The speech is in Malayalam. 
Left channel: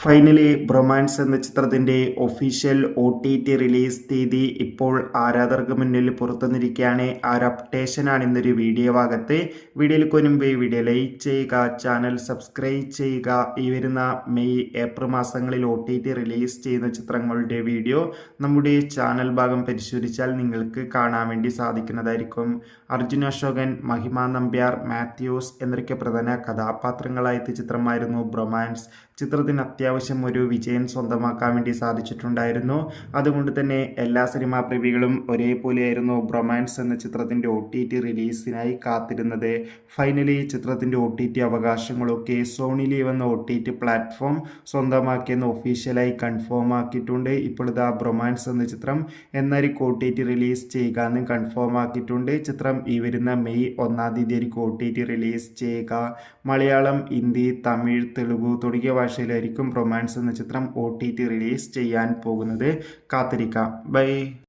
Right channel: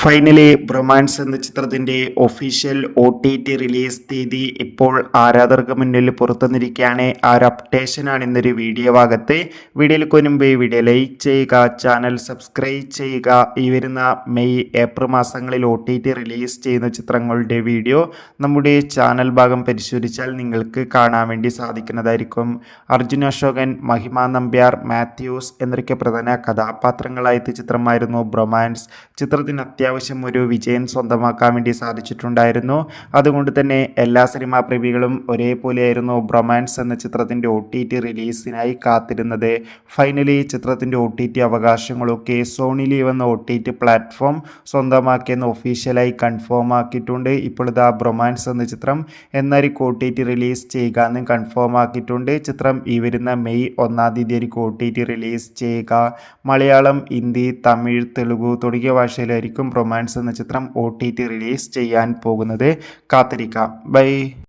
ഫൈനലി ബ്രൊമാൻസ് എന്ന ചിത്രത്തിന്റെ ഒഫീഷ്യൽ OTT റിലീസ് തീയതി ഇപ്പോൾ ആരാധകർക്ക് മുന്നിൽ പുറത്തുവന്നിരിക്കുകയാണ്. ആ ഒരു അപ്ഡേഷനാണ് ഇന്നൊരു വീഡിയോ ഭാഗത്ത്. വീഡിയോയിൽ മുൻപ് വീഡിയോ ലൈക്ക് ചെയ്യുക, ചാനൽ സബ്സ്ക്രൈബ് ചെയ്യുക. ഈ വരുന്ന മെയ് ഏപ്രിൽ മാസങ്ങളിൽ OTT റിലീസ് ചെയ്യുന്ന ചിത്രങ്ങളുടെ വീഡിയോ നമ്മുടെ ചാനൽ ഭാഗം പരിശോധിച്ചാൽ നിങ്ങൾക്ക് കാണാൻ വേണ്ടി സാധിക്കുന്നതായിരിക്കും. അർജുൻ അശോകൻ, മഹിമ നമ്പ്യാർ, മാത്യൂസ് എന്നൊക്കെ പ്രധാന കഥാപാത്രങ്ങളായ ചിത്രമായിരുന്നു ബ്രൊമാൻസ്. ചിത്രത്തിന് അത്യാവശ്യം ഒരു വിജയം സ്വന്തമാക്കാൻ വേണ്ടി സാധിച്ചിട്ടുണ്ടായിരുന്നു. അതുകൊണ്ട് തന്നെ എല്ലാ സിനിമാ പ്രേമികളും ഒരേപോലെയായിരുന്നു ബ്രൊമാൻസ് എന്ന ചിത്രത്തിൻ്റെ OTT റിലീസിനായി കാത്തിരുന്നത്. ഫൈനലി ചിത്രത്തിൻ്റെ OTT അവകാശങ്ങളൊക്കെ സോണി ലീവ് എന്ന OTT പ്ലാറ്റ്ഫോം സ്വന്തമാക്കിയെന്ന് ഒഫീഷ്യലായി കൺഫേം ആക്കിയിട്ടുണ്ട്. ഇപ്പോൾ ഇതാ ബ്രൊമാൻസ് എന്ന ചിത്രം എന്നായിരിക്കും OTT റിലീസ് ചെയ്യുക എന്ന് കൺഫേം ആക്കിയിട്ടുണ്ട്. ചിത്രം ഈ വരുന്ന മെയ് 1-ാം തീയതി ആയിരിക്കും OTT റിലീസ് ചെയ്യുക. മലയാളം, ഹിന്ദി, തമിഴ്, തെലുഗു തുടങ്ങിയ ഭാഷയിലായിരിക്കും ബ്രൊമാൻസ് എന്ന ചിത്രം OTT റിലീസ് ചെയ്യാൻ പോകുന്നത്. കാത്തിരിക്കാം. ബൈ.